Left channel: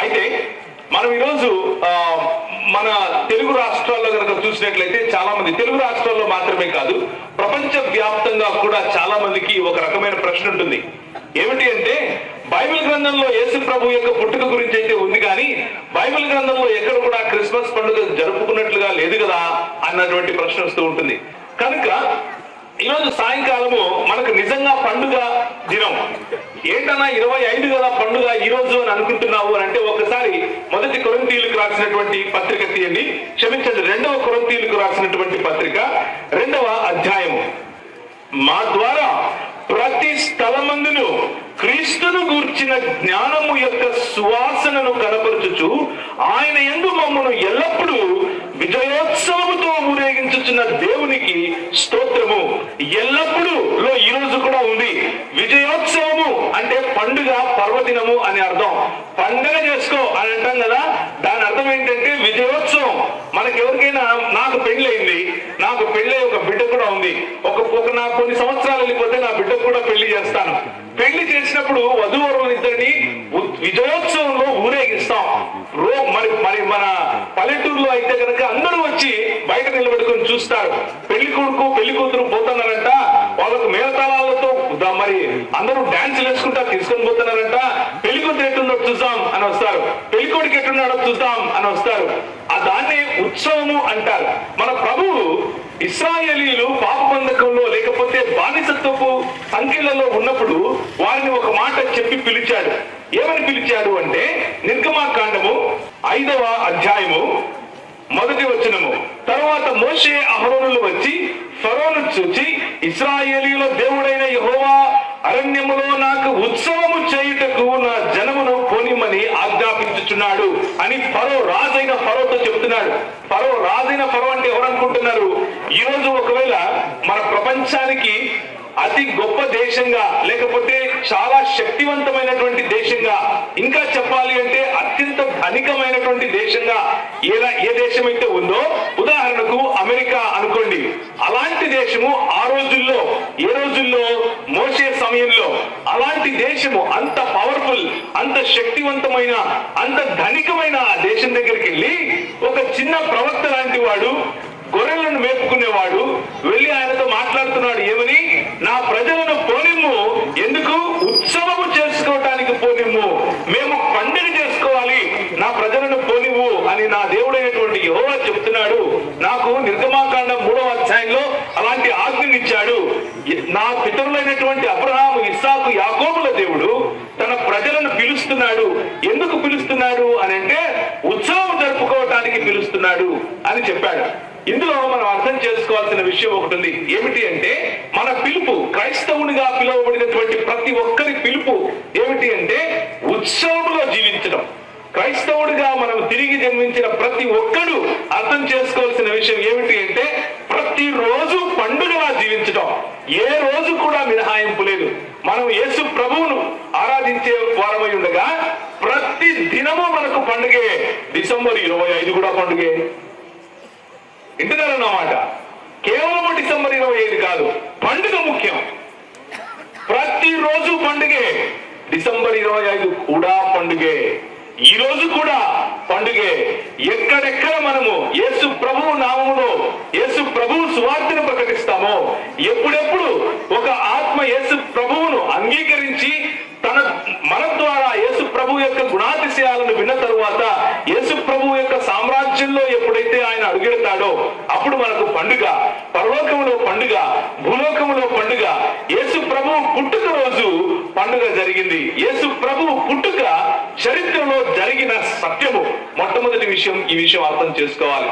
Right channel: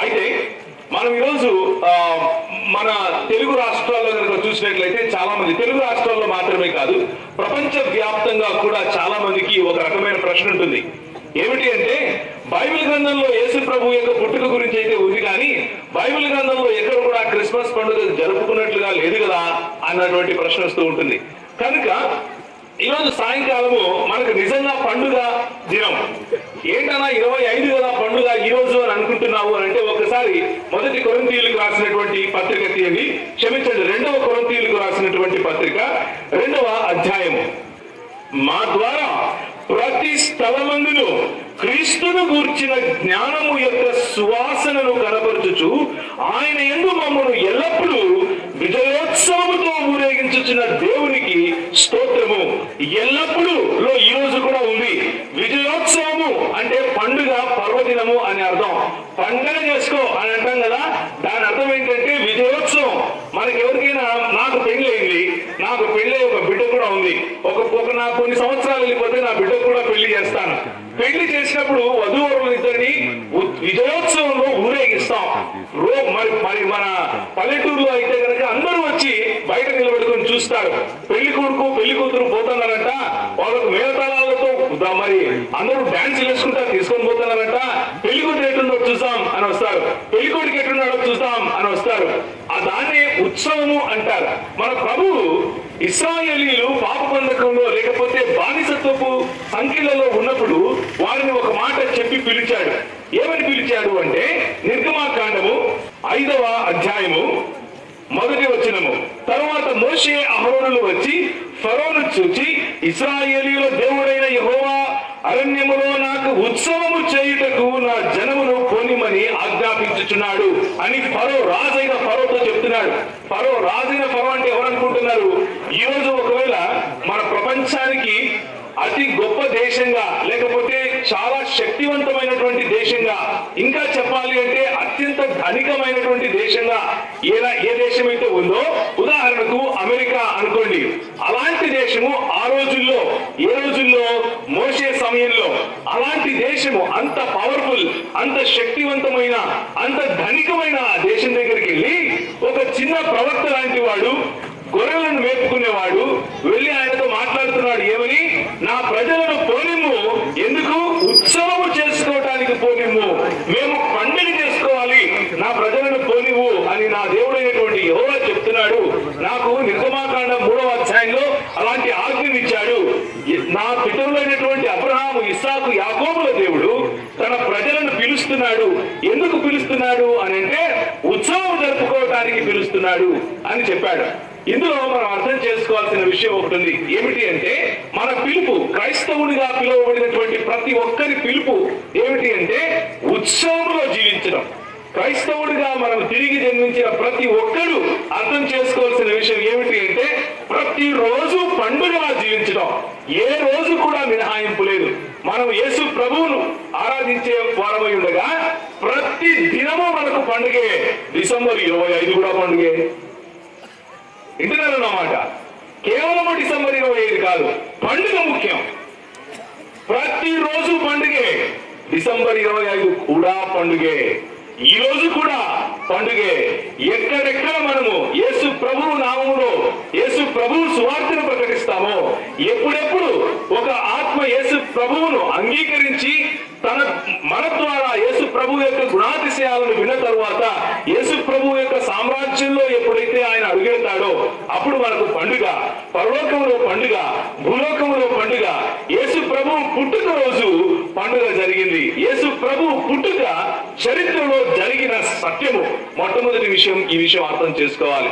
అయితే మనం ఈరోజు మన తెలుగు రాష్ట్రాల్లో కనుక చూసినట్లయితే చాలా మంది, తెలుగు రాష్ట్రాల్లో మాత్రమే కాదు ప్రపంచ వ్యాప్తంగా కూడా చాలా మందికి ఒక రకమైన ప్రశ్న ఉంటుంది. ఏమిటి అంటే, బైబిల్ గ్రంథంలో యేసు ప్రభు యొక్క పుట్టుక గురించి అయితే ఉంది, కానీ బైబిల్ గ్రంథంలో ఎక్కడ కూడా క్రిస్మస్ పండుగ జరుపుకున్నట్లుగా లేదు కదా అన్నటువంటి ప్రశ్న వస్తూ ఉంటుంది. కనుక ఈరోజు సాయంకాలము మనకు నిజంగా పండుగ దినం ఏంటన్నా 25 కదా పండుగ ఈ రోజు అని అనుకుంటున్నావు అని అంటే, ఒకసారి మొదటి కొరింథీయులకు రాసినటువంటి పత్రిక తీయండి, క్షమించండి 2వ కొరింథీయులకు రాసినటువంటి పత్రిక 2వ అధ్యాయము. మా ద్వారా ప్రతి స్థలమందును క్రీస్తును గూర్చిన జ్ఞానము యొక్క సువాసనను కనపరచుచు ఆయన యందు మమ్మను ఎల్లప్పుడూ విజయోత్సవముతో ఊరేగించుచున్న దేవునికి స్తోత్రము. ఎల్లప్పుడూ లో ఈ రోజు కూడా ఉంది. విజయోత్సవము అంటే పండుగ, పర్వదినము అని అర్థం. పండుగ చేసుకో అని అంటాం కదా, దాని అర్థం ఏంటంటే విజయోత్సవం. మనకి ఎవరికైనా, నాకు పెళ్ళయింది, నాకు పెళ్ళై ఒక బిడ్డ కూడా ఉంది, నాకు కొన్ని సంవత్సరాలు వెళ్ళిపోతే నా బిడ్డకు కూడా పెళ్లి చేస్తాను. పెళ్లి చేసినప్పుడు వధూవరులు ఇద్దరిని విజయోత్సవంలో ఊరేగిస్తాం. మరి మన పల్లెటూరులో అయితే కనుక అందరూ వచ్చి బయట నిలబెట్టుకుని చూస్తారు. పెళ్లి కొడుకు పెళ్లి కూతురు పోతున్నారంట, వాళ్ళకు మేళతాళాలతో మరి అందరూ డాన్స్ వేసుకుంటా తీసుకొని పోతున్నారంట. పెళ్లి కూతురు ఎట్టున్నాడో చూద్దాం అని వస్తారు, పెళ్లి కొడుకు ఎట్టున్నాడో చూద్దాం అని వస్తారు. దాన్ని ఉత్సవము అంటారు. మన ప్రభువు ఇశ్రాయేలీయులు పాప బంధకంలో లేకపోతే బానిసత్వపు సంఖ్యలలో ఉన్నప్పుడు వారిని ఒక మాట చెప్పి పిలిచాడు. ఏమని పిలిచాడు అంటే, నిర్గమాకాండము 5వ అధ్యాయము 1వ వచనము. తర్వాత మోషే అహరోనులు వచ్చి ఫరోను చూచి, ఇశ్రాయేలీయుల దేవుడైన యెహోవా అరణ్యములో నాకు ఉత్సవము చేయుటకు నా జనమును పోనిమని ఆజ్ఞాపించుచున్నాడు అని ఫరో, రాజైన ఫరోతో చెప్తున్నాడు. ఫరో, రాజైన ఫరో అంటే ఎవరు అనుకుంటున్నారు? ఈ రోజు ఒకవేళ మన ప్రపంచానికి అతి గొప్ప దేశంగా, లేకపోతే చాలా శక్తివంతమైనటువంటి దేశంగా, ఇంకా చెప్పాలి అంటే అత్యంత ధనికమైనటువంటి దేశంగా ఏ దేశం అయితే ఉందో, ఉదాహరణకు అమెరికా అనుకోండి. అలాంటి దేశము ఆ రోజుల్లో, ఏ రోజుల్లో? మోషే సమయంలో అలాంటి దేశము, అంత పవర్ఫుల్, అంత శక్తివంతమైన, అంత ధనికమైన ఆ దేశం దగ్గరికి వెళ్ళి ఒక చిన్న ప్రవక్త లాంటి వాడు, గొర్రెలను మేపుకునేవాడు వెళ్ళి ఆయనతో మాట్లాడుతున్నాడు. ఏమని? నా ప్రజలను పోనిమ్ము. ఎందుకు? ఉత్సవము చేసుకోవటానికి పోనిమ్ము, మేము పండుగ చేసుకోవాలి, నా ప్రజలను పోనివ్వు అని నా దేవుడైనటువంటి యెహోవా చెప్తున్నాడు. నాకు నిర్గమాకాండం 3వ అధ్యాయంలో అలాంటి ఆజ్ఞనిచ్చాడు. నా పితరులైనటువంటి అబ్రహాము, ఇస్సాకు, యాకోబుల దేవుడు తన ప్రజలను పిలుస్తున్నాడు. ఎందుకు పిలుస్తున్నాడు అని అంటే, ఉత్సవం జరుపుకోవటానికి పిలుస్తున్నాడు అని చెప్పాడు. ఇందులో మనం అర్థం చేసుకోవాల్సిన విషయం ఒకటి ఉంది. ఏమిటి అంటే, మన పిలుపు, క్రైస్తవునిగా పిలువబడినటువంటి ప్రతి ఒక్కరి పిలుపు ఏమిటి అంటే ఉత్సవంలో జీవించడం. క్రైస్తవుడిగా మనం తిరిగి జన్మించిన ప్రతి ఒక్కరు అర్థం చేసుకోవాల్సిన విషయం ఏమిటి అంటే, ప్రతిరోజు పండుగలా జీవించడం. ఏ రోజు కూడా మినహాయింపు లేదు. మనం యేసు ప్రభువును ఆరాధించే వారమై ఉండగా ప్రతి దినము మనకు పండుగే. డిసెంబర్ 25 కూడా పండుగే. ఇంటున్నారన్నమాట. కేవలం డిసెంబర్ 25 కాదు, పండుగ ముఖ్యం. ప్రతిరోజు పండుగే. డిసెంబర్ 25 కూడా పండుగే. ఈ రోజు కూడా పండుగే. ఎక్కడెక్కడ మనము యేసు ప్రభువు నామములో యేసు ప్రభువు సువార్తను ప్రకటిస్తామో, ఎప్పుడెప్పుడు ఒక ఆత్మ యేసు ప్రభువును అంగీకరించి మన ద్వారా యేసు ప్రభు యొక్క గుణాతిశయాలను విన్న తరువాత యేసు ప్రభు యొక్క సామ్రాజ్యంలో ఎప్పుడైతే ఆయన అడుగెడతాడో అప్పుడు మనకు పండుగ. పరలోకంలో పండుగ, భూలోకంలో పండుగ. యేసు ప్రభు పుట్టుక రోజు పండుగ జరిగింది. యేసు ప్రభు పుట్టుక చరిత్రలో జరిగిన సత్యము. మొట్టమొదటి విషయం, ఈ విషయం అర్థం చేసుకోవాలి.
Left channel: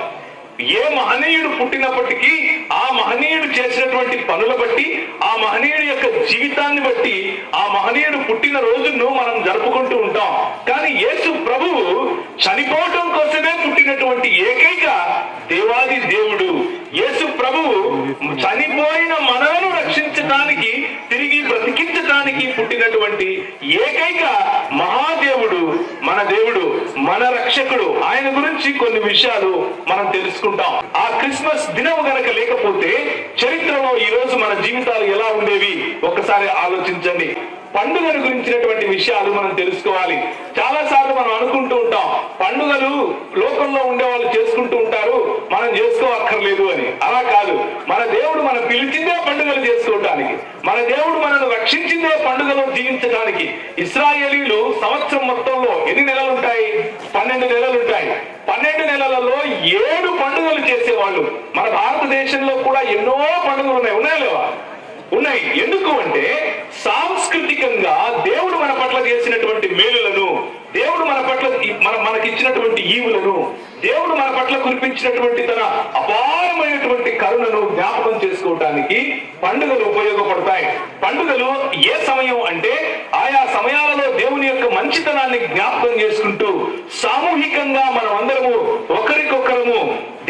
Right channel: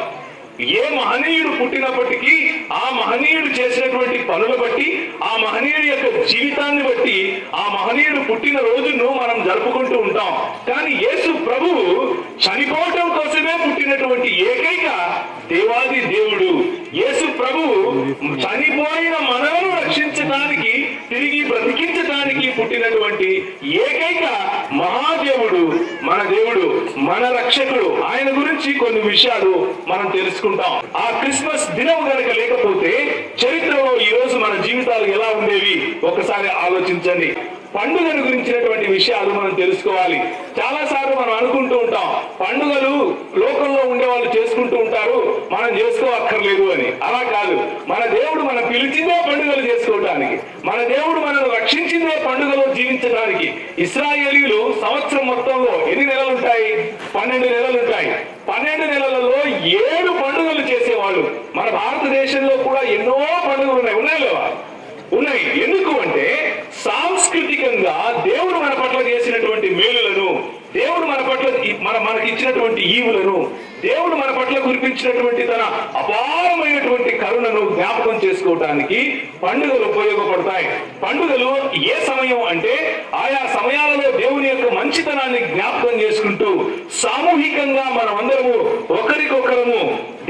ఏ మహనీయుడు పుట్టినప్పటికీ ఆ మహనీయుడు చేసినటువంటి పనుల బట్టి, ఆ మహనీయుడి యొక్క జీవితాన్ని బట్టి ఆ మహనీయుడు పుట్టిన రోజును మనం జరుపుకుంటూ ఉంటాం. కానీ యేసు ప్రభువు చనిపోవటం కోసమే పుట్టినటువంటి ఏకైక దేవాది దేవుడు. యేసు ప్రభువు చనిపోయిన మనలను రక్షించడానికి, తిరిగి బ్రతికించడానికి పుట్టినటువంటి ఏకైక మహాదేవుడు, మన దేవుడు, మన రక్షకుడు. ఆయన గురించి కొన్ని విషయాలు మనం తెలుసుకుంటాం. ఆ క్రిస్మస్ దినం గనక లేకపోతే చరిత్రలో ఈ రోజు మన జీవితాలు ఎలా ఉండేవి ఒకసారి ఆలోచించండి. పండుగను గురించినటువంటి విషయాలు మనం తెలుసుకోవాలి. చాలా సార్లు మనం అనుకుంటూ ఉంటాం, పండుగలు లోకంలో ఉండే వాళ్ళు చేసుకుంటూ ఉంటారు, మనం చేసుకోవక్కర్లేదు అని. అలా కాదు. మన దేవుడు మనం పిలిచిందే పండుగలు చేసుకోవటానికి, మన దేవుడు మనల్ని రక్షించిందే పండుగలో జీవించడానికి. ఇశ్రాయేలీలు సంవత్సరం మొత్తంలో ఎన్ని నెలలు ఉంటాయి? 12 నెలలు ఉంటాయి. 12 నెలలలో 7 పండుగలు చేసేవాళ్ళు. మన భారతదేశంలో కూడా ఎన్నో పండుగలు ఉన్నాయి లేవా? ఉన్నాయి. ఎందుకు అంటే సాంస్కృతికంగా దేవుడు మన పట్ల చేసినటువంటి మేలులను, దేవుడు మన పట్ల మనకి ఇచ్చినటువంటి ఈవులను, దేవుడు మన పట్ల కురిపించినటువంటి తన అపారమైనటువంటి కరుణను జ్ఞాపకం చేసుకోవటానికి పండుగలు ఉపయోగపడతాయి. పండుగలు ఏ సమయం అంటే ఆయా సమయాలలో దేవుని యొక్క మంచితనాన్ని జ్ఞాపకం చేసుకుంటూ సామూహికంగా మనం అందరము ఒకరికొకరము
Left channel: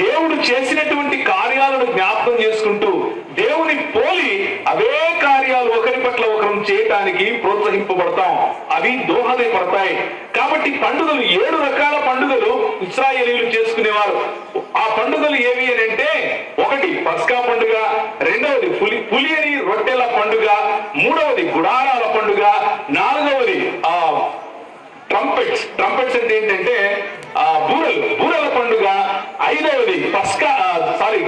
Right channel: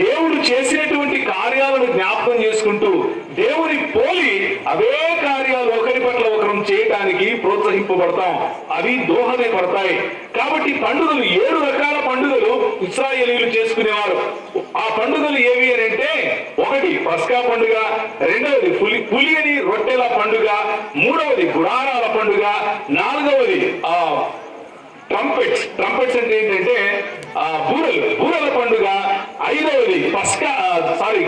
దేవుడు చేసినటువంటి కార్యాలను జ్ఞాపకం చేసుకుంటూ దేవుని పోలి అవే కార్యాలు ఒకరి పట్ల ఒకరు చేయటానికి ప్రోత్సహింపబడతాం, అవి దోహదపడతాయి. కాబట్టి పండుగలు 7 రకాల పండుగలు ఇశ్రాయేలీయులు చేసుకునేవారు. ఆ పండుగలు ఏవి అని అంటే, ఒకటి పస్కా పండుగ, రెండవది పులియని రొట్టెల పండుగ, మూడవది గుడారాల పండుగ, నాలుగవది ట్రంపెట్స్ అంటే ఏంటంటే బూరల పండుగ, ఐదవది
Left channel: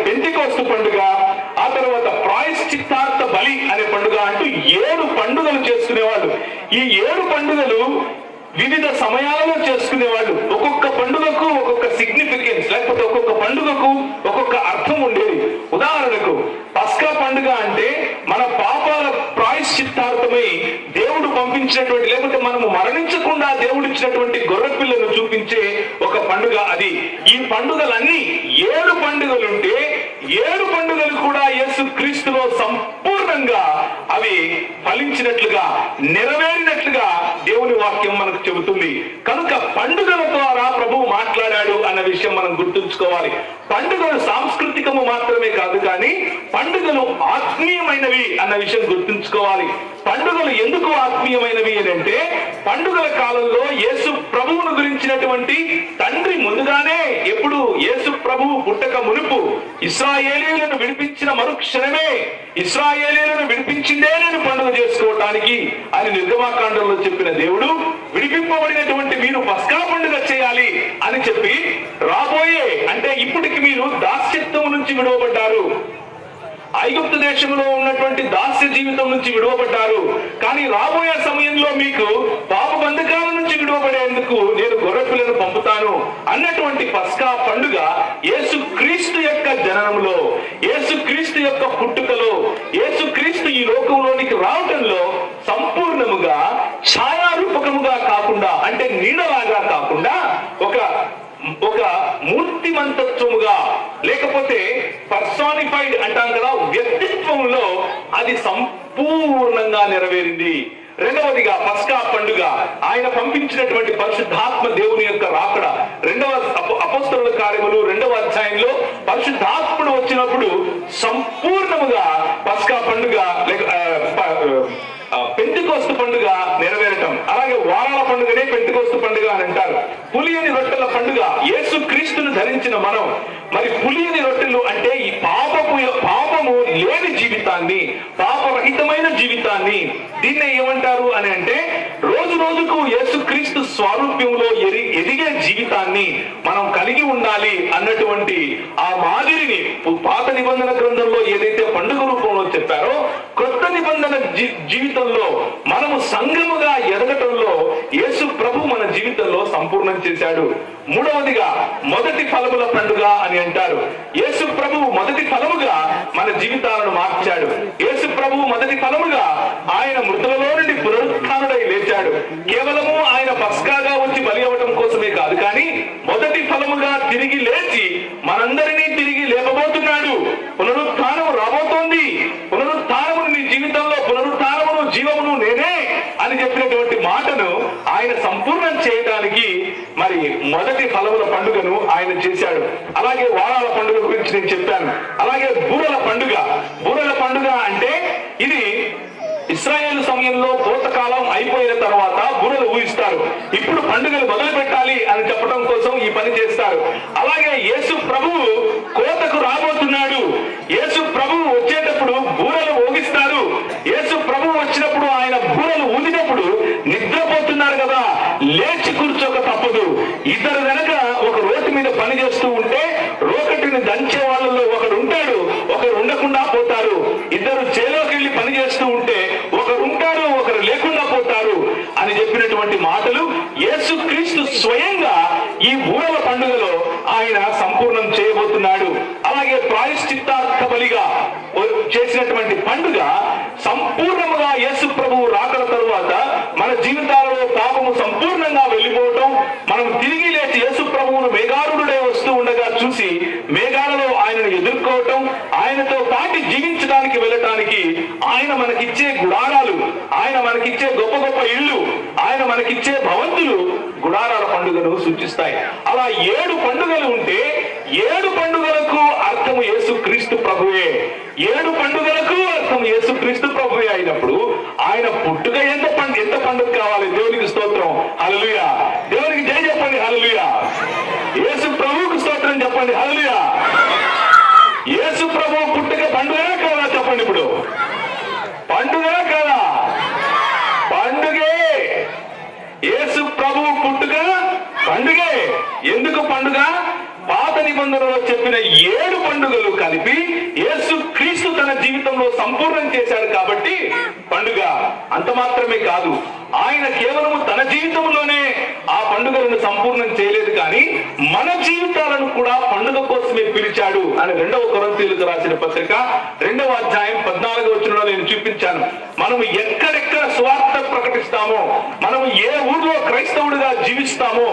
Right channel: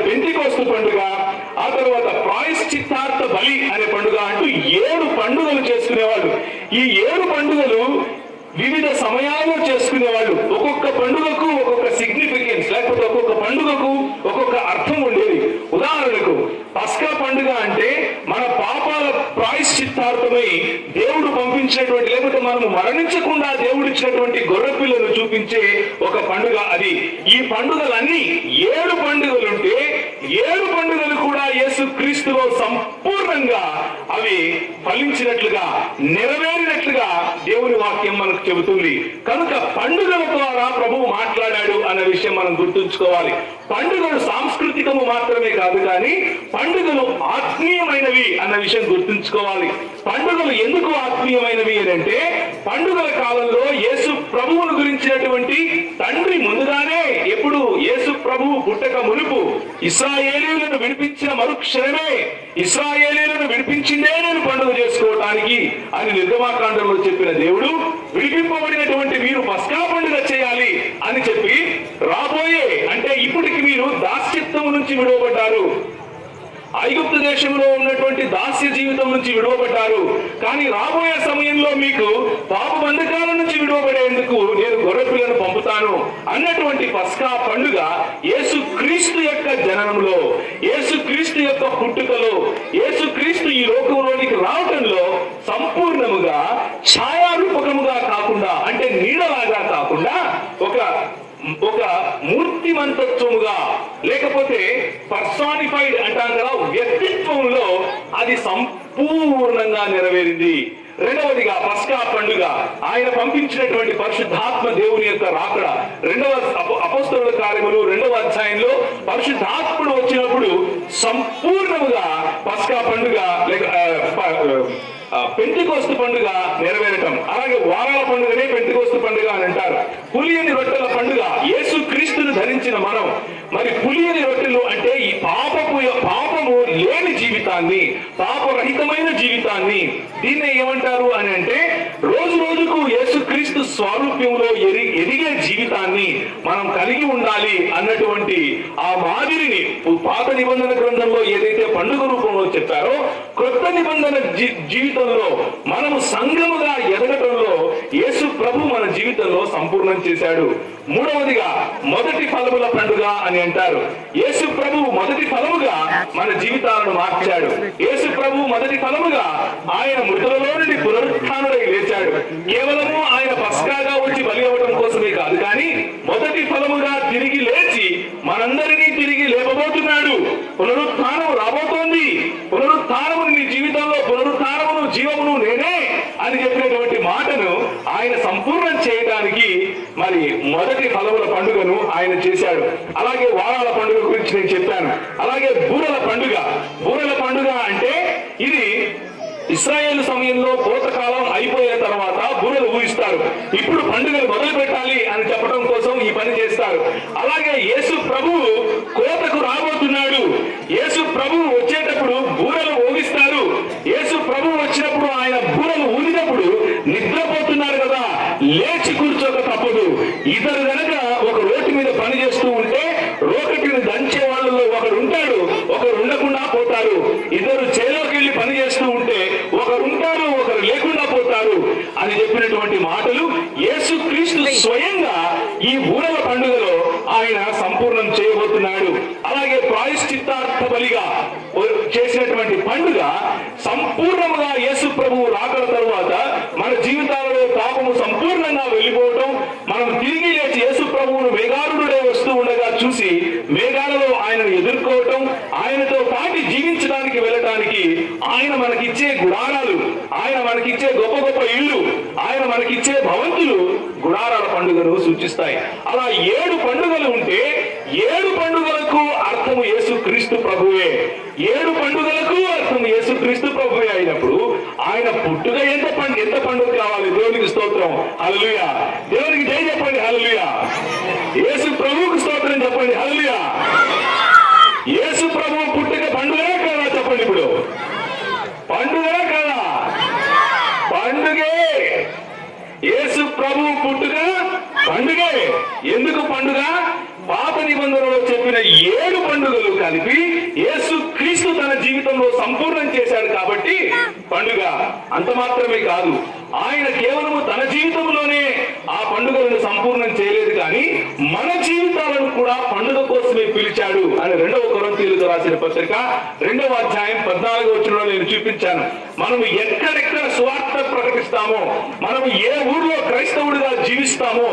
పెంటెకోస్తు పండుగ, ఆ తర్వాత ప్రాయశ్చిత్తార్థ బలి అనే పండుగ అంటూ 7 పండుగలు చేసుకునేవాళ్ళు. ఈ 7 పండుగలు వివిధ సమయాలలో చేసుకునేవాళ్ళు. ఒక్కొక్క పండుగకు ఒక్కొక్క సిగ్నిఫికెన్స్, లేకపోతే ఒక్కొక్క పండుగకు ఒక్కొక్క అర్థం ఉండేది. ఉదాహరణకు పస్కా పండుగ అంటే మన పాపాల ప్రాయశ్చిత్తార్థమై దేవుడు పంపించినటువంటి, లేకపోతే మనము మరణించకుండా దేవుడు ఇచ్చినటువంటి గొర్రెపిల్లను చూపించే ఒక పండుగ అది. ఈ పండుగలన్నీ 7 పండుగలుంటే 7 పండుగలు కూడా యేసు క్రీస్తులో సంపూర్ణంగా అవి ఫలించినట్లుగా, నెరవేరినట్లుగా దేవుని వాక్యం మనకు చెబుతుంది. కనుక పండుగల ద్వారా ప్రభువు మాట్లాడాడు అన్న విషయం మనం గుర్తుంచుకోవాలి. పండుగలు సాంస్కృతికము మాత్రమే కాదు, కానీ పండుగలు ఆత్మీయమైనవి అన్న విషయం గుర్తుంచుకోవాలి. పండుగలు ఎందుకు ఆత్మీయమైనవి అంటే, పండుగల కాలంలో యేసు ప్రభువును గురించినటువంటి తండ్రి ముందుగానే, ఎప్పుడు యేసు ప్రభువు పుట్టక మునుపు ఇశ్రాయేలీయులను విడిపించిన మరుక్షణమే, ఇశ్రాయేలీయులను విడిపించిందే నేను పండుగ చేసుకోవటానికి అని నిర్గమాకాండంలో చెప్పిన దేవుడు, విడిపింపబడినటువంటి మీరు పస్కా పండుగ చేయాలి అని చెప్పి, రాబోయే అంటే ఇప్పటికి మీరు దాస్యత్వం నుంచి విడువబడ్డారు, ఐగుప్తు దేశంలో ఉన్నటువంటి దాస్య జీవితం నుంచి విడువబడ్డారు, కానీ రాబోయే సమయంలో మీకు పాప బంధకాల నుంచి విడువబడేందుకు నేను గొర్రెపిల్లను పంపుతాను అన్నటువంటి పస్కా పండుగ యేసు క్రీస్తు యొక్క జననంలో, యేసు క్రీస్తు యొక్క పుట్టుకలో, యేసు క్రీస్తు ఈ లోకంలోనికి రావడంలో సంపూర్ణముగా ఛాయారూపకముగా కాకుండా, అంటే నీడలాగా కాకుండా ఒక మూర్తిమంతత్వముగా, లేకపోతే పర్సానిఫైడ్ అంటాం కదా, వ్యక్తిత్వంలో అది సంపూర్ణంగా నెరవేరింది. రెండవదిగా పస్కా పండుగ ఆయన పంపించినటువంటి పరిశుద్ధాత్మ దేవుని యొక్క రాకడ. అపోస్తలుల కార్యములు 2వ అధ్యాయంలో పరిశుద్ధాత్ముడు వచ్చినప్పుడు సంపూర్ణముగా పస్కా పండుగ పెంటెకోస్తు పండుగ నెరవేరటం. అలాగే వారాల పండుగనే పెంటెకోస్తు పండుగ అని అంటారు. పులియని రొట్టెల పండుగ యేసు క్రీస్తును ధరించిన మనం, మరి పులియని రొట్టెలు అంటే ఈ పాపము లేని జీవితాన్ని, పాపరహితమైన జీవితాన్ని, దీన్నే ఏమంటారు అని అంటే రోజు రోజుకు యేసు క్రీస్తు స్వారూప్యంలో ఎదిగే జీవితాన్ని మనం కలిగి ఉండాలి అన్నటువంటి ఆ మాదిరిని పాత నిబంధన గ్రంథంలో ఏదైతే పండుగ రూపంలో చెప్పారో, క్రొత్త నిబంధన జీవితంలో మనము సంఘముగా ఎదగటంలో యేసు ప్రభు మన జీవితంలో సంపూర్ణం చేశాడు. మూడవదిగా మొదటి ఫలముల పండుగ అని అంటారు. యేసు ప్రభు మొదటి ఫలముగా మన జీవితాలను మార్చాడు. యేసు ప్రభు మొదటి ఫలముగా ఆయన మృతులలో నుండి పునరుత్థానుడై లేచాడు. కేవలము ఆయన పస్కాగా వచ్చి బలి అవ్వడం కోసమే కాదు, కానీ మొదటి ఫలముగా తిరిగి లేచి మనందరినీ తిరిగి లేపబోతున్నాడు. పునరుత్థానము రాబోతోంది. పునరుత్థానము నీ జీవితంలో, పునరుత్థానమును జీవమును నేనే అని చెప్పినటువంటి మాటను ఆయన సంపూర్ణం చేయడానికి మరి మొదటి ఫలముల పండుగను ఆయన చేశాడు. అలాగే వారాల పండుగ గురించి నేను చెప్పాను. అలాగే బూరల పండుగ అంటే ఇది ఇశ్రాయేలు సమయంలో కోతకాలం అయిపోయిన తర్వాత బూరలు ఊహిస్తారు. ఇప్పుడు పండుగలు మొదలు పెట్టాలి అని చెప్పడం కోసం ఈ పని చేస్తారు. అలాగే యేసు ప్రభువు కోతకు రాబోతున్నాడు. యేసు ప్రభువు వచ్చేటప్పుడు బూరలు ఊగిస్తారు. యేసు ప్రభువు వచ్చినప్పుడు ఆయన బూరలు ఊదినప్పుడు నిద్రపోతున్నారు కదా, లేచి కూర్చోక తప్పదు. ఇద్దరు గనక ఒక రోడ్డు మీద పని చేస్తూ ఉంటే రోకటిని దంచే వాళ్ళలో ఒకడు ఉంటాడు, ఒకరు ఉండకుండా పోతారు. ఇద్దరు చేలోకి వెళ్ళి పని చేస్తూ ఉంటే ఒకరు ఉంటారు, ఒకరు లేకుండా పోతారు అని చెప్పినటువంటి మాటలు యేసుక్రీస్తు స్వయంగా ఈ బూరల పండుగలో ఆయన సంపూర్ణం చేయబోతున్నాడు. అలాగే ప్రాయశ్చిత్తార్థ బలిగా చేసినటువంటి పండుగ సంపూర్ణముగా యేసు ప్రభువు రాకడ తరువాత మన జీవితాలలో పాపము సంపూర్ణంగా వెళ్ళిపోవటం, మనం తిరిగి లేచి యేసు ప్రభువును మేఘారుడే వస్తూ ఉండగా చూసి మేఘాలలో ఆయనను ఎదుర్కోవటం, ఆయనతో పాటి జీవించడానికి వెళ్ళటానికి ఆయన మనకిచ్చే గుడారాలు, ఆయన మనకిచ్చే గొప్ప గొప్ప ఇళ్ళు, ఆయన మనకిచ్చే భవంతులు గుడారాల పండుగను సూచిస్తాయి. అలా 7 పండుగలు ఉంటే 7 పండుగలకు అర్థము యేసుక్రీస్తు ప్రభువే. 7 పండుగలకు అర్థం యేసుక్రీస్తు ప్రభువే అయినప్పుడు ఆయన పుట్టుక ఎంత పండుగ కావాలి? దేవునికి స్తోత్రం, హల్లెలూయా. దేవునికి జై చెప్పండి, హల్లెలూయా. యేసు ప్రభువుకు స్తోత్రం చెప్పండి, హల్లెలూయా. యేసు ప్రభువు పుట్టుక పండుగనే కాదా? చెప్పండి. ఇప్పుడు పండుగనే కాదా? పండుగే. యేసు ప్రభువు పుట్టుక పండుగే. ఎందుకు పండుగ? పాత నిబంధనలో చెప్పిన 7 పండుగలు కలిపి యేసు క్రీస్తు తన జీవితంలో సంపూర్ణం చేశాడు కాబట్టి పండుగ. అంత మాత్రమే కాదు, ఆయన కేవలము తన జీవితంలోనే ఆ పండుగలను సంపూర్ణం చేయలేదు, కానీ మన జీవితాలను కూడా పండుగ కోసమే పిలిచాడు అని 2వ కొరింథీయులకు రాసిన పత్రిక 2వ అధ్యాయం 14వ వచనంలో నేను చూపించాను. మనం ఎక్కడెక్కడ సువార్త ప్రకటిస్తామో, మనం ఏ ఊళ్ళో క్రైస్తవుడిగా జీవిస్తామో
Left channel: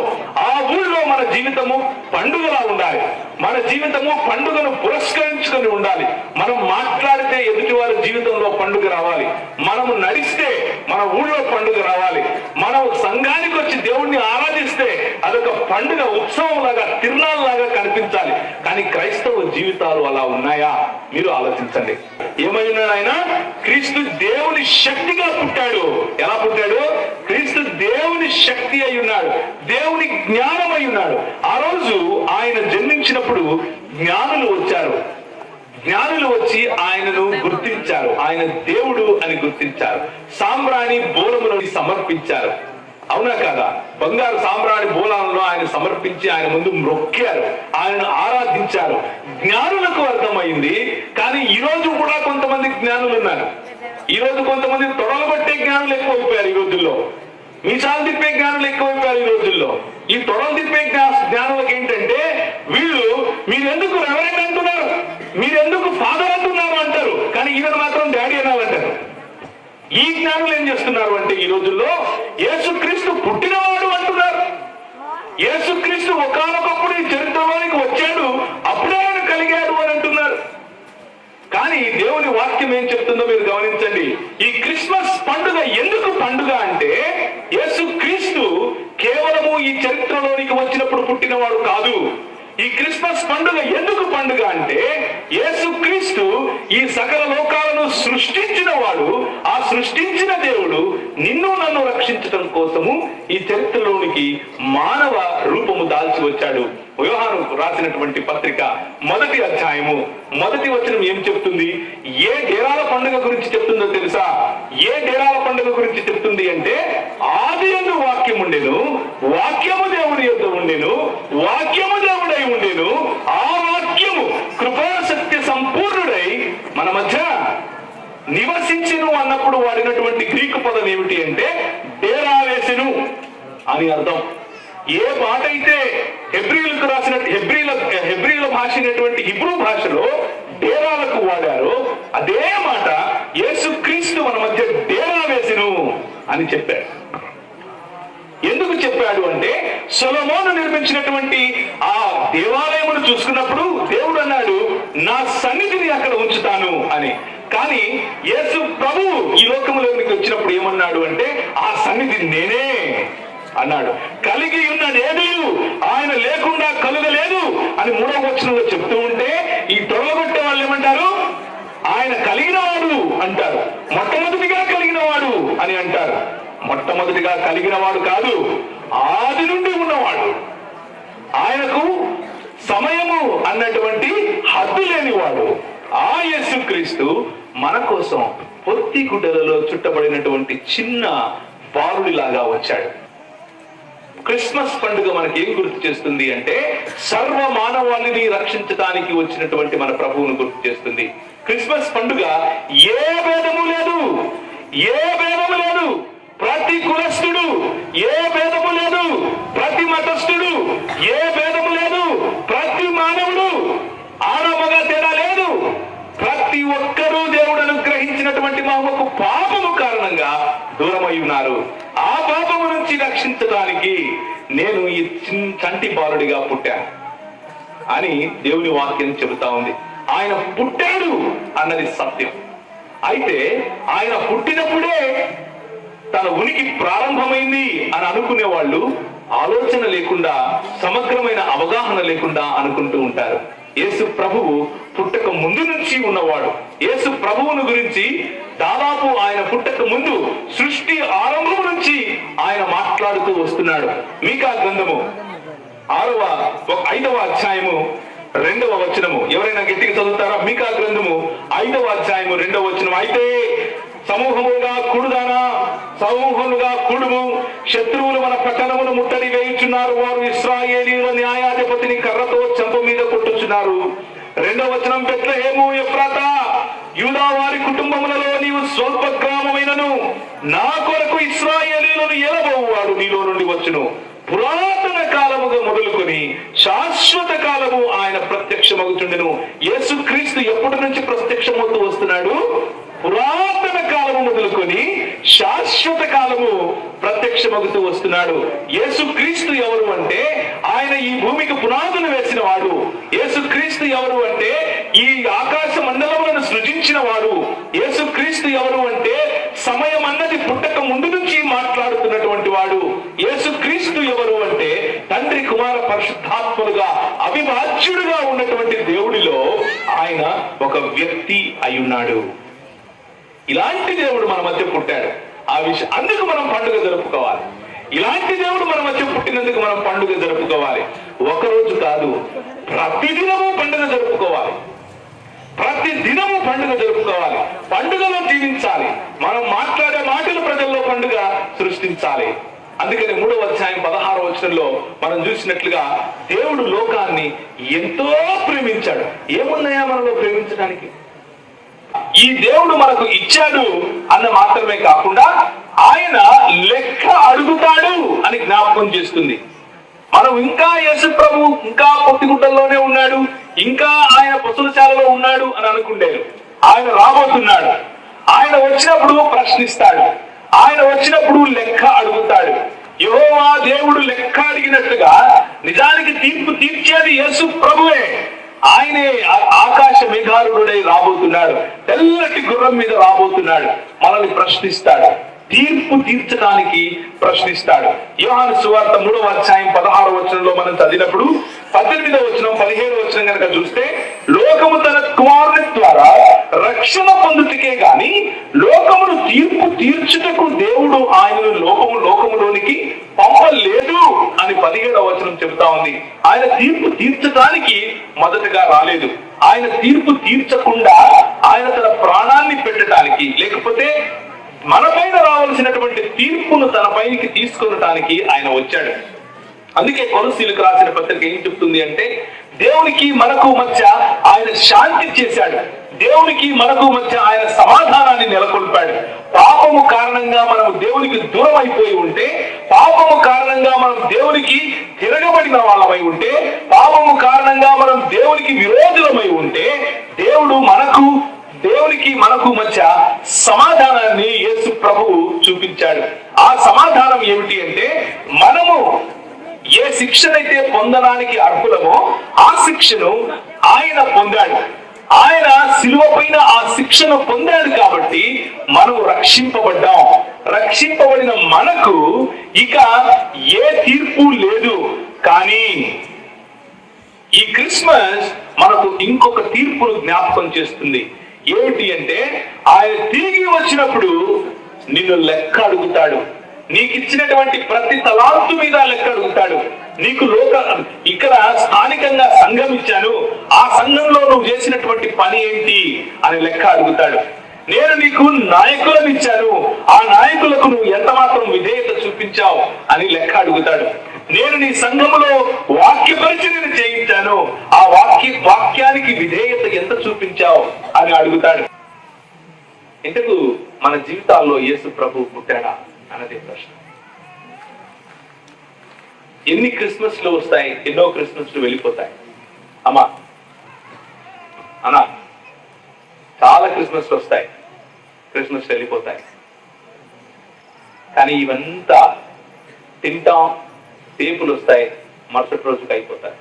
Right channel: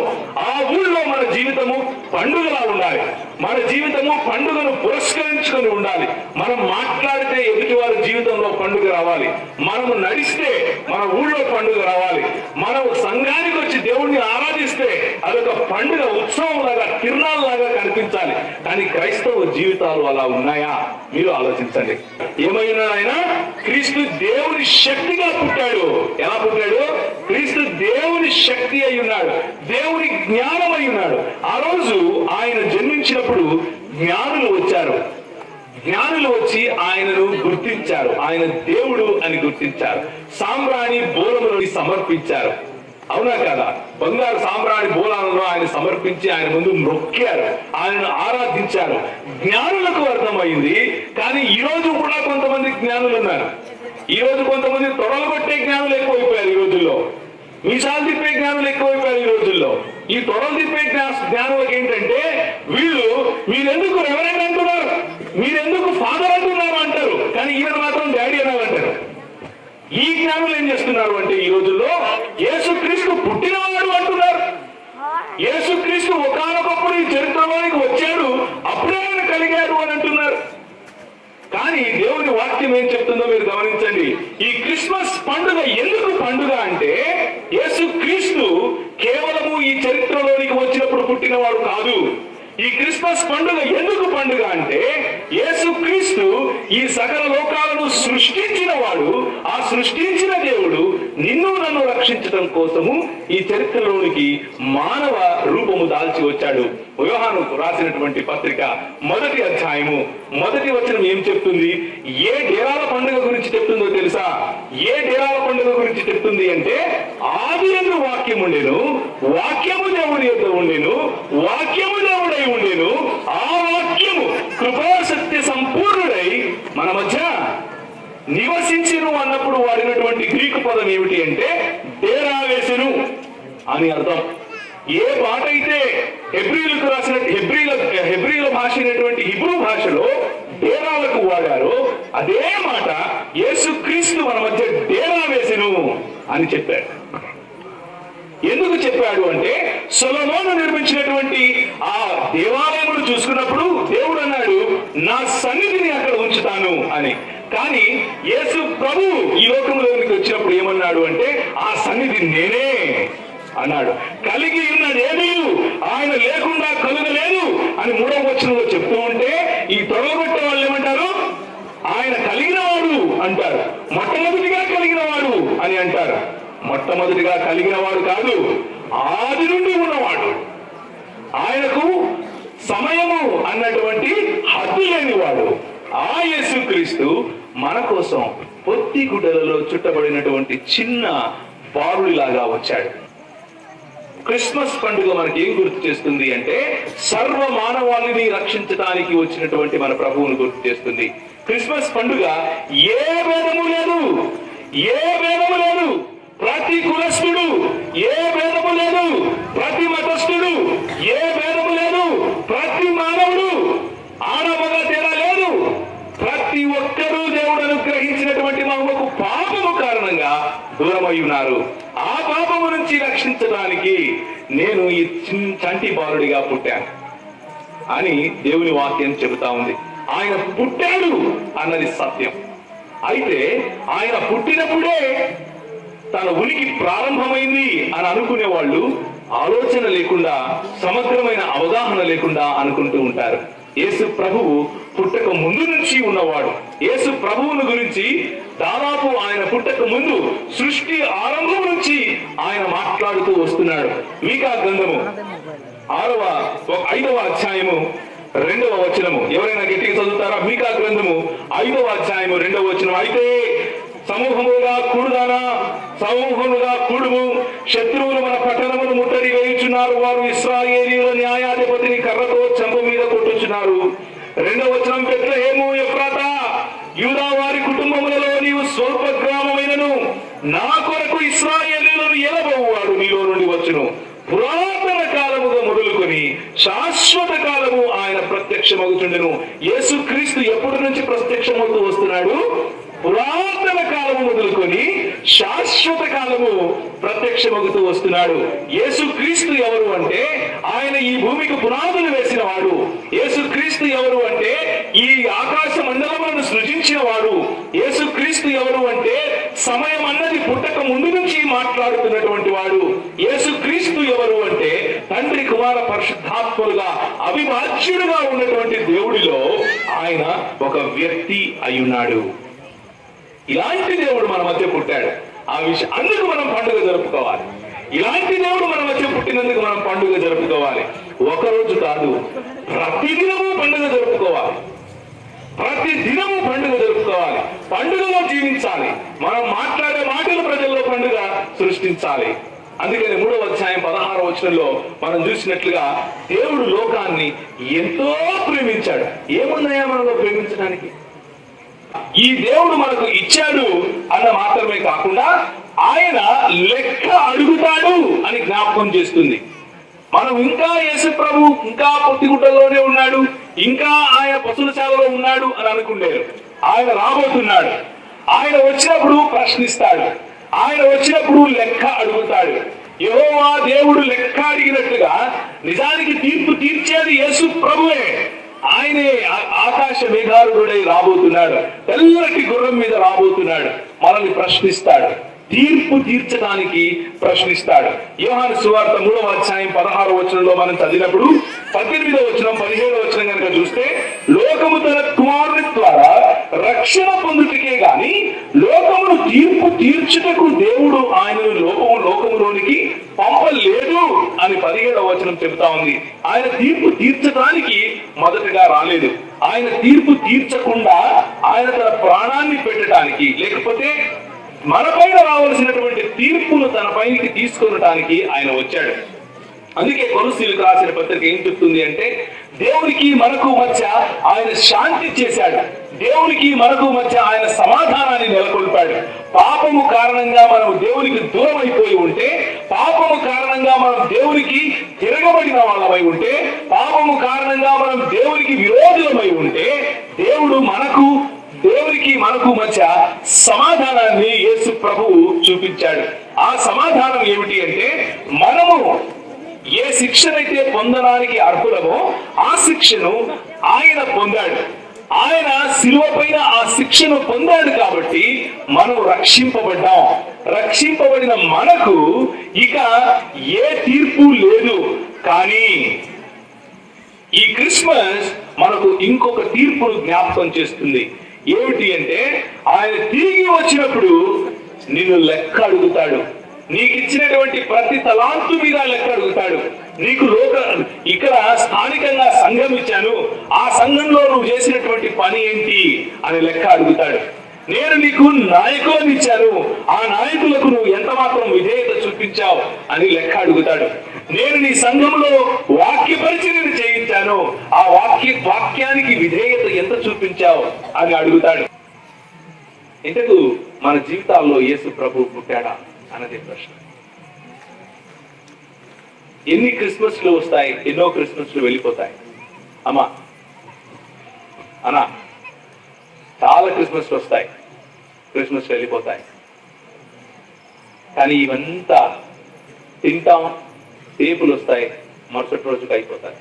ఆ ఊళ్ళో మన జీవితము పండుగలా ఉండాలి. మన జీవితము పండుగను పురస్కరించుకొని ఉండాలి. మనం మాట్లాడితే ఎదుటి వారి జీవితంలో పండుగ రావాలి. మనము నడిస్తే మన ఊళ్ళో పండుగ రావాలి. మనం సంఘానికి వచ్చి దేవుణ్ణి ఆరాధిస్తే అదొక పండుగ, ఉత్సవం లాగా, తిరునాళ్ళ లాగా కనిపించాలి. కానీ క్రైస్తవ జీవితాలు అలా ఉన్నాయా? మీరు ఆలోచించండి. ఏమైనా ఆయన క్రీస్తు దేవుని శక్తిగా పుట్టాడు. ఎలా పుట్టాడు? క్రీస్తు దేవుని శక్తి అయి ఉన్నాడు, దేవుని జ్ఞానం అయి ఉన్నాడు. ఆ రోజు ఆయన జన్మించినప్పుడు జ్ఞానులు వచ్చారు. జ్ఞానులు వచ్చి ఆయనను గుర్తించారు, ఆయన దేవుడు అని గుర్తించారు. సాంబ్రాణి బోలములను సమర్పించారు. అవునా కాదా? బంగారు సాంబ్రాణి బోలాలను ఆయన సమర్పించి ఆయన ముందు మొక్కారు, ఆయనను ఆరాధించారు. జ్ఞానులకు అర్థమైంది. కానీ ఈ రోజు కూడా కొంతమంది జ్ఞానులు ఉన్నారు. ఈ రోజు కొంతమంది తొడలు పట్టే జ్ఞానులు ఎక్కువైపోయారు. ఈ రోజుల్లో మీసాలు తిప్పే జ్ఞానులు ఎక్కువైపోయారు. ఈ రోజుల్లో ఈ తొడలు తిప్పే జ్ఞానులకు ఏంటంటే, వీళ్ళు మీరెందుకు రెవరెండ్ అంటున్నారు, మీరెందుకు ఫాదర్ అంటున్నారు అంటారు, కానీ ఈయన మాత్రం డాడీ అనాలంటారు. ఈ జ్ఞానులు ఏం చేస్తున్నారు అంటే ఈ రోజుల్లో యేసుక్రీస్తు పుట్టినవాడు అంటున్నారు. యేసుక్రీస్తు ఒకానొకప్పుడు ఈ చరిత్రలోనికి వచ్చాడు, అప్పుడే ఆయన కలిగారు అని అంటున్నారు. కానీ దేవుని వాక్యం ఏం చెప్తుందో మీరు గమనించండి. ఈ క్రిస్మస్ పండుగ ఎందుకు పండుగ అంటే, యేసుక్రీస్తు కేవలము ఈ చరిత్రలోనికి వచ్చినప్పుడు పుట్టినవాడు కాదు. ఈ క్రిస్మస్ పండుగ ఎందుకు పండుగ అంటే, యేసుక్రీస్తు ఈ సకల లోకాలను సృష్టించిన వాడు, ఆ సృష్టించిన దేవుడు నిన్ను నన్ను రక్షించడం కోసము ఈ చరిత్రలోనికి మానవ రూపము దాల్చి వచ్చాడు. యోహాను రాసినటువంటి పత్రిక 1వ అధ్యాయము 1వ వచనం ఏం చెప్తుంది? ఏ డేరాల పండుగ గురించి చెప్తుందో తెలుసా? ఏ డేరాల పండుగ గురించి చెప్తుంది అంటే, ఆదియందు వాక్యం ఉండెను, వాక్యము దేవుని యొద్ద ఉండెను, వాక్యము దేవుడై ఉండెను, ఆ వాక్యము కృపా సత్య సంపూర్ణుడై మన మధ్య నివసించెను అన్నప్పుడు వాడినటువంటి గ్రీకు పదం ఏమిటి అంటే డేరా వేసెను అని అర్థం. ఏ మాట అయితే హెబ్రీలకు రాసిన హెబ్రీల భాష అయినటువంటి హిబ్రూ భాషలో డేరాలకు వాడారో అదే మాట యేసుక్రీస్తు మన మధ్య డేరా వేసెను అని చెప్పాడు. ఎందుకు చెప్పాడు అంటే, సొలొమోను నిర్మించినటువంటి ఆ దేవాలయమును చూసుకున్నప్పుడు దేవుడు అన్నాడు, నా సన్నిధిని అక్కడ ఉంచుతాను అని. కానీ యేసు ప్రభు ఈ లోకంలోనికి వచ్చినప్పుడు ఏమన్నాడు అంటే, ఆ సన్నిధి నేనే అన్నాడు. కలిగి ఉన్నదేమీ ఆయన లేకుండా కలుగలేదు అని 3వ వచనంలో చెప్తూ ఉంటే, ఈ తొలగొట్టే వాళ్ళు ఏమంటారు? ఆయన కలిగిన వాడు అంటారు, మొట్టమొదటిగా కలిగిన వాడు అని అంటారు. మొట్టమొదటిగా కలిగిన వాడు కాదు, ఆది నుండి ఉన్నవాడు. ఆయనకు సమయము అన్నటువంటి హద్దు లేనివాడు. ఆ యేసుక్రీస్తు మన కోసం పొత్తి గుడ్డలలో చుట్టబడినటువంటి చిన్న బారుడిలాగా వచ్చాడు. క్రిస్మస్ పండుగ మనకి ఏం గుర్తు చేస్తుంది అంటే సర్వ మానవాళిని రక్షించడానికి వచ్చినటువంటి మన ప్రభువును గుర్తు చేస్తుంది. క్రిస్మస్ పండుగ ఏ భేదము లేదు, ఏ భేదము లేదు. ప్రతి కులస్థుడు, ఏ భేదము లేదు. ప్రతి మతస్థుడు, ఏ భేదము లేదు. ప్రతి మానవుడు, ఆడమగా తేడా లేదు. ప్రతి ఒక్కరూ దేవుడు అనుగ్రహించినటువంటి మాకు పాపము కారణంగా దూరమై ఉన్నారు. ఆ పాపము నుంచి రక్షించడానికి నేను ఈ చంటి బాలుడిగా పుట్టాను అని దేవుని వాక్యం చెబుతా ఉంది. ఆయన పుట్టాడు అన్నది సత్యం. అయితే ఆయన పుట్టినప్పుడే తన ఉనికి ప్రారంభమైంది అని అనుకునే వాళ్ళు ఆలోచన లేకుండా, సమగ్రమైన అవగాహన లేకుండా అనుకుంటూ ఉంటారు. యేసు ప్రభువు పుట్టక ముందు నుంచి ఉన్నవాడు. యేసు ప్రభువును గురించి దాదాపు ఆయన పుట్టక ముందు సృష్టి ఆరంభం నుంచి ఆయన మాట్లాడుతూ వస్తున్నాడు. మీకా గ్రంథము 5వ అధ్యాయము 2వ వచనము. ఎవరైనా గట్టిగా చదువుతారా? మీకా గ్రంథము 5వ అధ్యాయము 2వ వచనం. అయితే సమూహముగా కూడుదానా, సమూహముగా కూడుము, శత్రువులు మన పట్టణమును ముట్టడి వేయుచున్నారు. వారు ఇశ్రాయేలీయుల న్యాయాధిపతిని కర్రతో చెంప మీద కొట్టుచున్నారు. 2వ వచనం. బెత్లెహేము ఎఫ్రాతా, యూదా వారి కుటుంబములలో నీవు స్వల్ప గ్రామమైనను నా కొరకు ఇశ్రాయేలీయులను ఏలబోవాడు నీలో నుండి వచ్చును. పురాతన కాలముగా మొదలుకొని శాశ్వత కాలము ఆయన ప్రత్యక్షమగుచుండెను. యేసుక్రీస్తు ఎప్పటి నుంచి ప్రత్యక్షమవుతూ వస్తున్నాడు? పురాతన కాలము మొదలుకొని శాశ్వత కాలము ప్రత్యక్షమగుతూ వస్తున్నాడు. యేసుక్రీస్తు ఎవరు అంటే ఆయన ఈ భూమికి పునాదులు వేసిన వాడు. యేసుక్రీస్తు ఎవరు అంటే ఈ ఆకాశ మండలములను సృజించిన వాడు. యేసుక్రీస్తు ఎవరు అంటే సమయం అన్నది పుట్టక ముందు నుంచి మాట్లాడుతున్నటువంటి వాడు. యేసుక్రీస్తు ఎవరు అంటే తండ్రి, కుమార, పరిశుద్ధాత్మలుగా అవిభాజ్యుడుగా ఉన్నటువంటి దేవుడిలో ఆయన ఒక వ్యక్తి అయ్యున్నాడు. ఇలాంటి దేవుడు మన మధ్య పుట్టాడు. ఆ విషయం అందుకు మనం పండుగ జరుపుకోవాలి. ఇలాంటి దేవుడు మన మధ్య పుట్టినందుకు మనం పండుగ జరుపుకోవాలి. ఒకరోజు కాదు, ప్రతిదినము పండుగ జరుపుకోవాలి. ప్రతి దినము పండుగ జరుపుకోవాలి. పండుగలో జీవించాలి. మనం మాట్లాడే మాటలు ప్రజల్లో పండుగ సృష్టించాలి. అందుకని 3వ అధ్యాయం 16వ వచనంలో మనం చూసినట్లుగా దేవుడు లోకాన్ని ఎంతో ప్రేమించాడు. ఏమున్నాయా మనలో ప్రేమించడానికి? ఈ దేవుడు మనకు ఇచ్చాడు అన్న మాత్రమే కాకుండా ఆయన లెక్క అడుగుతాడు అని జ్ఞాపకం చేస్తుంది. మనం ఇంకా యేసు ప్రభు ఇంకా పొత్తిగుట్టల్లోనే ఉన్నాడు, ఇంకా ఆయన పశువుశాలలో ఉన్నాడు అని అనుకుంటారు. ఆయన రాబోతున్నాడు. ఆయన వచ్చినప్పుడు ప్రశ్నిస్తాడు. ఆయన వచ్చినప్పుడు లెక్క అడుగుతాడు. యెహోవా దేవుడు లెక్క అడిగినట్టుగా నిజానికి తీర్పు తీర్చేది యేసు ప్రభువే. ఆయనే ఆకాశ మేఘారుడై రాబోతున్నాడు. తెల్లటి గుర్రం మీద రాబోతున్నాడు. మనల్ని ప్రశ్నిస్తాడు. తీర్పు తీర్చడానికి ప్రశ్నిస్తాడు. యోహాను సువార్త 3వ అధ్యాయం 16వ వచనంలో మనం చదివినప్పుడు 18వ వచనం 17వ వచనం కనుక చూస్తే, లోకము తన కుమారుని ద్వారా రక్షణ పొందుటకే గాని లోకమును తీర్పు తీర్చుటకు దేవుడు ఆయనను లోకములోనికి పంపలేదు అని 17వ వచనం చెబుతా ఉంది. ఆయన తీర్పు తీర్చడానికి మొదటగా రాలేదు. ఆయన తీర్పు తీర్చకుండా ఆయన తన ప్రాణాన్ని పెట్టడానికి, లేకపోతే మన పైన రావాల్సినటువంటి తీర్పును తన పైకి తీసుకొనటానికి ఆయన వచ్చాడు. అందుకే కొలస్సీలకు రాసిన పత్రిక ఏం చెప్తుంది అంటే, దేవునికి మనకు మధ్య ఆయన శాంతి చేశాడు. దేవునికి మనకు మధ్య ఆయన సమాధానాన్ని నెలకొల్పాడు. పాపము కారణంగా మనం దేవునికి దూరం అయిపోయి ఉంటే, పాపము కారణంగా మనం దేవునికి తిరగబడిన వాళ్ళమై ఉంటే, పాపము కారణంగా మనం దేవునికి విరోధులమై ఉంటే, దేవునికి మనకు మధ్య సమాధానాన్ని యేసు ప్రభువు చూపించాడు. ఆ సమాధానం ఏమిటి అంటే, మనము ఏ శిక్షనైతే పొందడానికి అర్హులమో ఆ శిక్షను ఆయన పొందాడు. ఆయన శిలువ పైన ఆ శిక్షను పొందాడు కాబట్టి మనం రక్షింపబడ్డాం. రక్షింపబడిన మనకు ఇక ఏ తీర్పు లేదు. కానీ ఈ క్రిస్మస్ మనకు ఇంకొక తీర్పును జ్ఞాపకం చేస్తుంది. ఏమిటి అంటే, ఆయన తిరిగి వచ్చినప్పుడు నిన్ను లెక్క అడుగుతాడు. నీకు ఇచ్చినటువంటి ప్రతి తలాంతు మీద లెక్క అడుగుతాడు. నీకు ఇక్కడ స్థానికంగా సంఘం ఇచ్చాను, ఆ సంఘంలో నువ్వు చేసినటువంటి పని ఏంటి అని లెక్క అడుగుతాడు. నేను నీకు నాయకులను ఇచ్చాను, ఆ నాయకులకు నువ్వు ఎంత మాత్రం విధేయత చూపించావు అని లెక్క అడుగుతాడు. నేను నీ సంఘంలో వాక్య పరిచర్యను చేయించాను, ఆ వాక్యానికి విధేయత ఎంత చూపించావు అని అడుగుతాడు. ఇంతకు మన జీవితాల్లో యేసు ప్రభు పుట్టాడా అన్నదే ప్రశ్న. ఎన్ని క్రిస్మస్లు వస్తాయి, ఎన్నో క్రిస్మస్లు వెళ్ళిపోతాయి. అమ్మా అన్నా, చాలా క్రిస్మస్లు వస్తాయి, క్రిస్మస్ వెళ్ళిపోతాయి. కానీ ఇవంతా తింటాం, టేపులు వస్తాయి, మరుసటి రోజుకి అయిపోతాయి.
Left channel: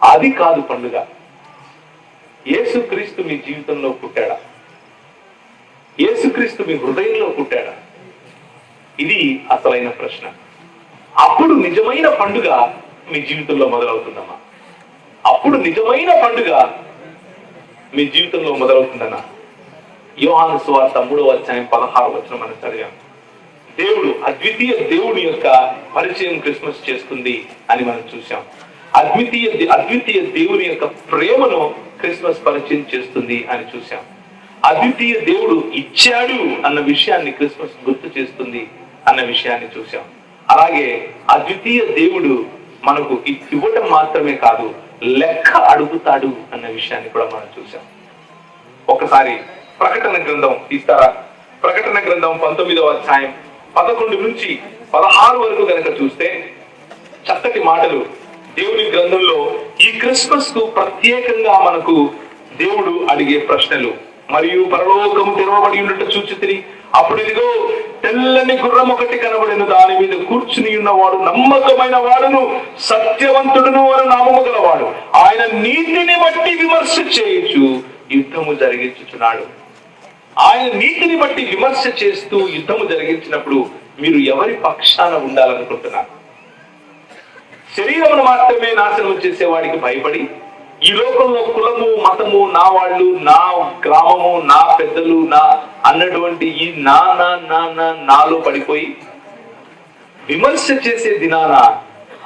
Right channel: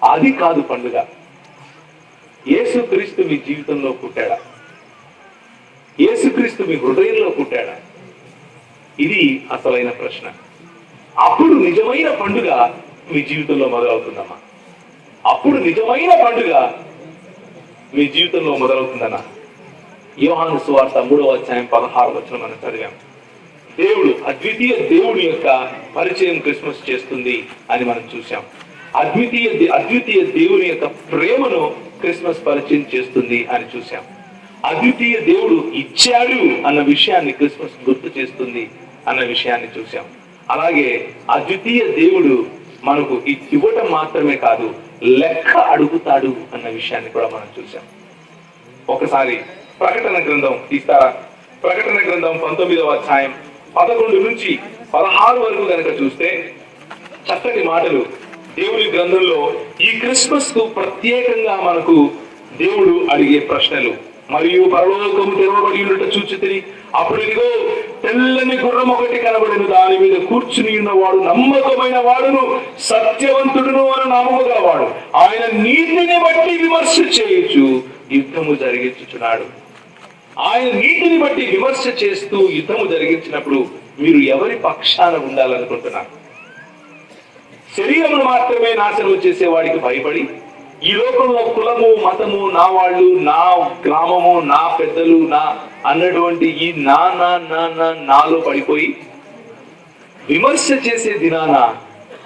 అది కాదు పండుగ. యేసుక్రీస్తు మీ జీవితంలో పుట్టాడా? యేసుక్రీస్తు మీ హృదయంలో పుట్టాడా? ఇది అసలైన ప్రశ్న. అప్పుడు నిజమైన పండుగ మీ జీవితంలో మొదలవుతుందమ్మా. అప్పుడు నిజమైన పండుగ మీ జీవితంలో మొదలవుతుందన్నా. యోహాను సువార్త 3వ అధ్యాయం 16వ వచనం మనం చదివాం. దేవుడు, అద్వితీయ దేవుడి యొక్క పరిచయం క్రిస్మస్ చేస్తుంది అని మనం చూసాం. అద్వితీయ దేవుని యొక్క ప్రేమను క్రిస్మస్ పరిచయం చేస్తుంది అని చూసాం. అద్వితీయ దేవుడు ఇచ్చాడు అన్న విషయాన్ని క్రిస్మస్ గుర్తు చేస్తుంది అన్న విషయాన్ని చూసాం. అలాగే అద్వితీయ దేవుడు మనకు ఇవ్వటం మాత్రమే కాదు, లెక్క అడుగుతాడు అన్న విషయాన్ని కూడా మనం చూసాం. ఒకసారి ప్రకటన గ్రంథం తీస్తారా? ప్రకటన గ్రంథం 19వ అధ్యాయం 11 నుంచి 16 వరకు కనుక చూస్తే చక్కటి మాటలు దేవుని గ్రంథంలో ఈ క్రిస్మస్ కు ప్రత్యేకంగా మనకు దేవుడు అడిగే ప్రశ్నలు. మరియు పరలోకము తెరవబడి ఉన్నట్టు చూచితిని, అప్పుడు ఇదిగో తెల్లని గుర్రం ఒకటి కనబడెను, దాని మీద కూర్చుని ఉన్నవాడు నమ్మకమైన వాడును సత్యవంతుడును అని నామము గలవాడు, ఆయన నీతిని బట్టి విమర్శ చేయొచ్చు యుద్ధము జరిగించుచున్నాడు. ఆయన నీతిని బట్టి విమర్శ చేస్తూ యుద్ధము జరిగించినప్పుడు మీరు ఎవరి పక్షాన ఉండాలనుకుంటున్నారు? శరీరమును మాత్రమే నాశనం చేసేవాడికి భయపడి, ఈ లోకంలో కులము, మతము, నా వాళ్ళు, నా గ్రామము, నా పెద్దలు, నా అన్నటువంటి ఈ నాలో పడిపోయి విమర్శ చేసే దినాన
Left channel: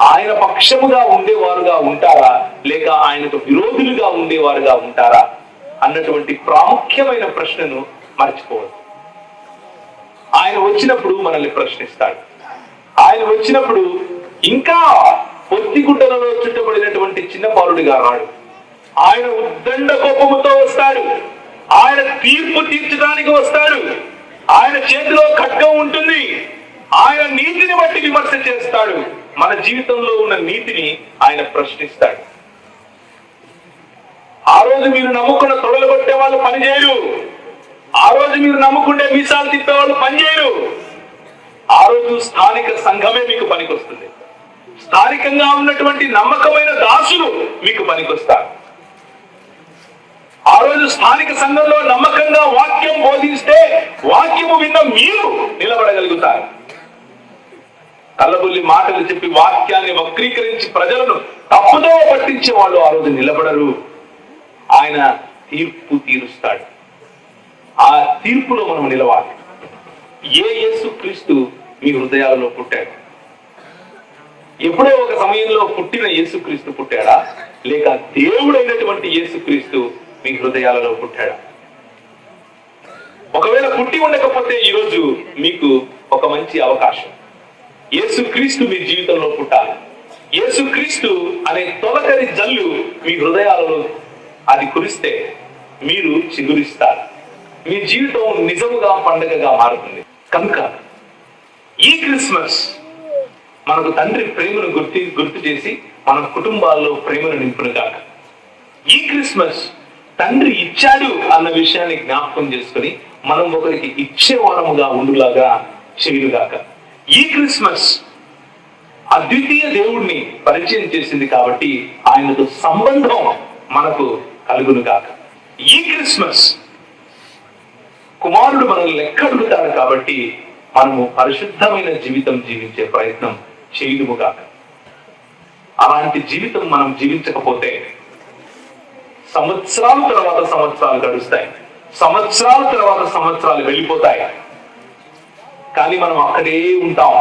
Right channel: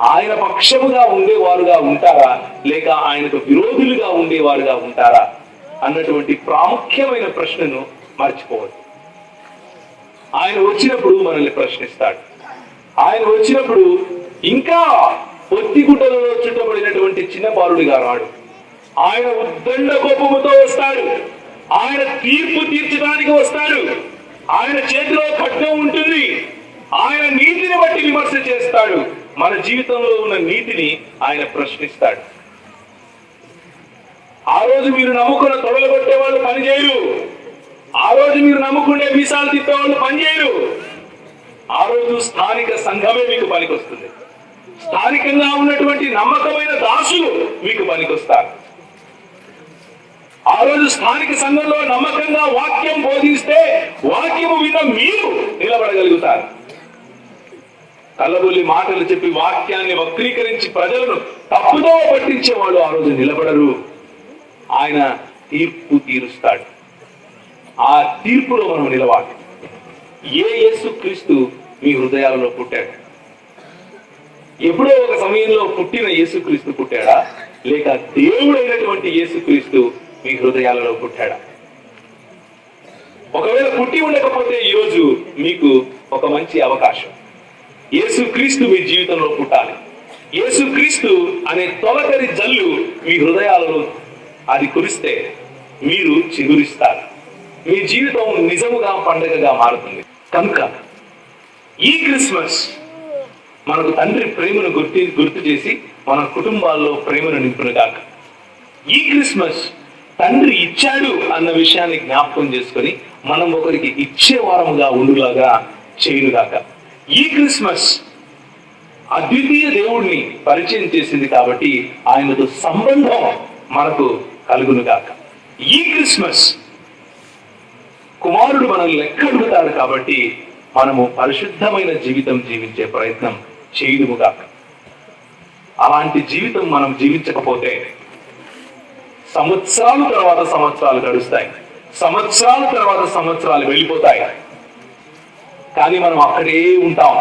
ఆయన పక్షముగా ఉండేవారుగా ఉంటారా, లేక ఆయనకు విరోధులుగా ఉండేవారుగా ఉంటారా అన్నటువంటి ప్రాముఖ్యమైన ప్రశ్నను మర్చిపోవద్దు. ఆయన వచ్చినప్పుడు మనల్ని ప్రశ్నిస్తాడు. ఆయన వచ్చినప్పుడు ఇంకా పొత్తిగుడ్డలలో చుట్టబడినటువంటి చిన్న బాలుడిగా రాడు. ఆయన ఉద్దండ కోపముతో వస్తాడు. ఆయన తీర్పు తీర్చడానికి వస్తాడు. ఆయన చేతిలో ఖడ్గం ఉంటుంది. ఆయన నీతిని బట్టి విమర్శ చేస్తాడు. మన జీవితంలో ఉన్న నీతిని ఆయన ప్రశ్నిస్తాడు. ఆ రోజు మీరు నమ్ముకున్న తొడలు కొట్టే వాళ్ళు పనిచేయరు. ఆ రోజు మీరు నమ్ముకుంటే మీసాలు తిప్పే వాళ్ళు పనిచేయరు. ఆ రోజు స్థానిక సంఘమే మీకు పనికొస్తుంది. స్థానికంగా ఉన్నటువంటి నమ్మకమైన దాసులు మీకు పనికొస్తారు. ఆ రోజు స్థానిక సంఘంలో నమ్మకంగా వాక్యం బోధిస్తే వాక్యము విన్న మీరు నిలబడగలుగుతారు. కల్లబుల్లి మాటలు చెప్పి వాక్యాన్ని వక్రీకరించి ప్రజలను తప్పుదో పట్టించే వాళ్ళు ఆ రోజు నిలబడరు. ఆయన తీర్పు తీరుస్తాడు. ఆ తీర్పులో మనం నిలవాలి. యేసుక్రీస్తు మీ హృదయాలలో పుట్టాడు. ఎప్పుడో ఒక సమయంలో పుట్టిన యేసుక్రీస్తు పుట్టాడా, లేక దేవుడైనటువంటి యేసుక్రీస్తు మీ హృదయాలలో పుట్టాడా? ఒకవేళ పుట్టి ఉండకపోతే ఈరోజు మీకు ఒక మంచి అవకాశం. యేసుక్రీస్తు మీ జీవితంలో పుట్టాలి. యేసుక్రీస్తు అనే తొలకరి జల్లు మీ హృదయాలలో అది కురిస్తే మీరు చిగురిస్తారు. మీ జీవితం నిజముగా పండుగగా మారుతుంది. కనుక ఈ క్రిస్మస్ మనకు తండ్రి ప్రేమను గుర్తు చేసి మన కుటుంబాల్లో ప్రేమను నింపునుగాక. ఈ క్రిస్మస్ తండ్రి ఇచ్చాడు అన్న విషయాన్ని జ్ఞాపకం చేసుకుని మనం ఒకరికి ఇచ్చేవారముగా ఉండులాగా చేయుగాక. ఈ క్రిస్మస్ అద్వితీయ దేవుణ్ణి పరిచయం చేసింది కాబట్టి ఆయనతో సంబంధం మనకు కలుగునుగాక. ఈ క్రిస్మస్ కుమారుడు మనల్ని లెక్కడుగుతాడు కాబట్టి మనము పరిశుద్ధమైన జీవితం జీవించే ప్రయత్నం చేయుదుముగాక. అలాంటి జీవితం మనం జీవించకపోతే సంవత్సరాల తర్వాత సంవత్సరాలు గడుస్తాయి, సంవత్సరాల తర్వాత సంవత్సరాలు వెళ్ళిపోతాయి. కానీ మనం అక్కడే ఉంటాం.